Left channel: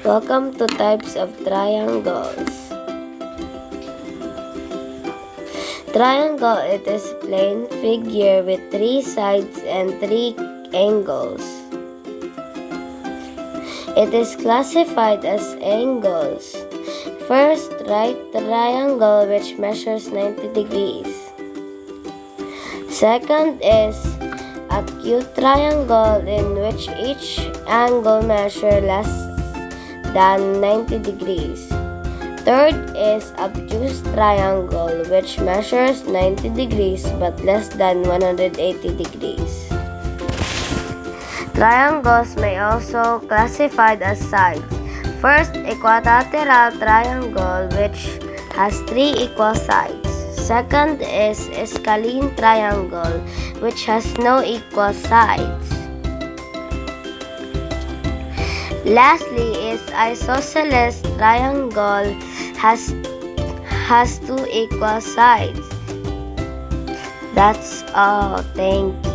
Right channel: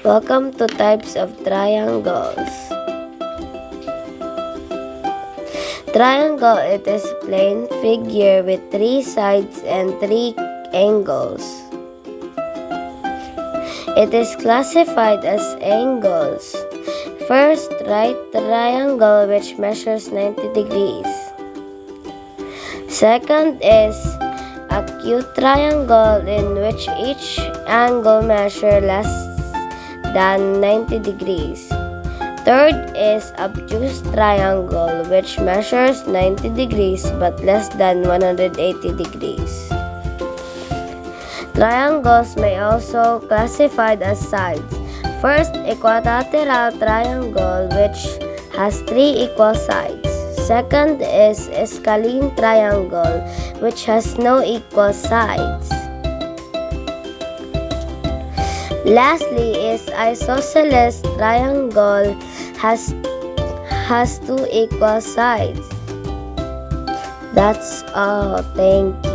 Welcome to types of triangles. Triangle, it is a plane figure with 3 sides and 3 angles. It is classified as angles. First, right triangle which measures 90 degrees. Second is acute triangle in which each angle measures less than 90 degrees. Third is obtuse triangle which measures 90 degrees but less than 180 degrees. Triangles may also classified as sides. First, equilateral triangle which has 3 equal sides. Second is Scalene triangle which has no equal sides. Lastly is Isosceles triangle has 2 equal sides. That's all. Thank you.